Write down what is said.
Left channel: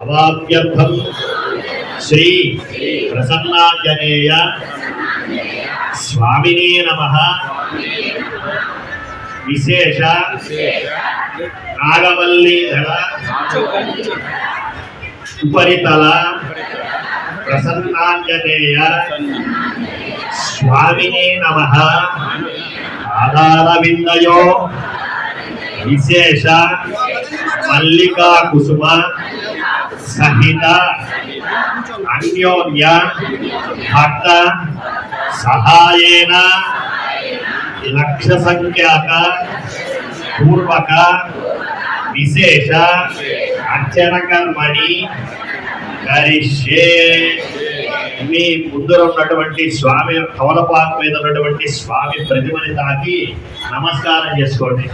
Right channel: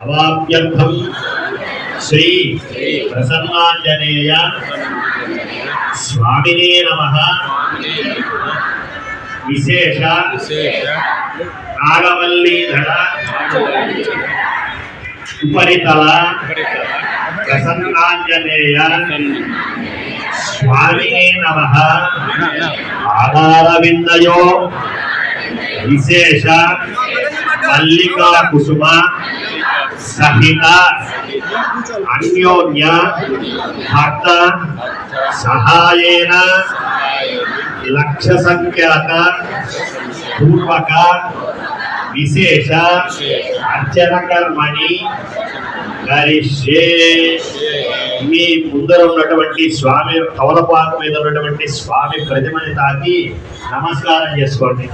అవాప్యర్థం శ్రీ ప్రసన్నాంజనేయ స్వామినే నమః. విశేష నాగవల్లీధర ఉపరితల ప్రసన్నాంజనేయ స్వామినే నమః. ఆధారవిందయో విశేష మల్లికా కుసుమ సహిత అన్యోన్య భక్త సహాయేన లక్ష సంఖ్యాక పూర్వక విశేష అర్చన కర్మణి కరిష్యే. మీ ముందర ఉన్నటువంటి స్వామి కవలపాక మీద ఉన్నటువంటి స్వామి ప్రతిమని తాకి నమస్కారం చేసుకోండి.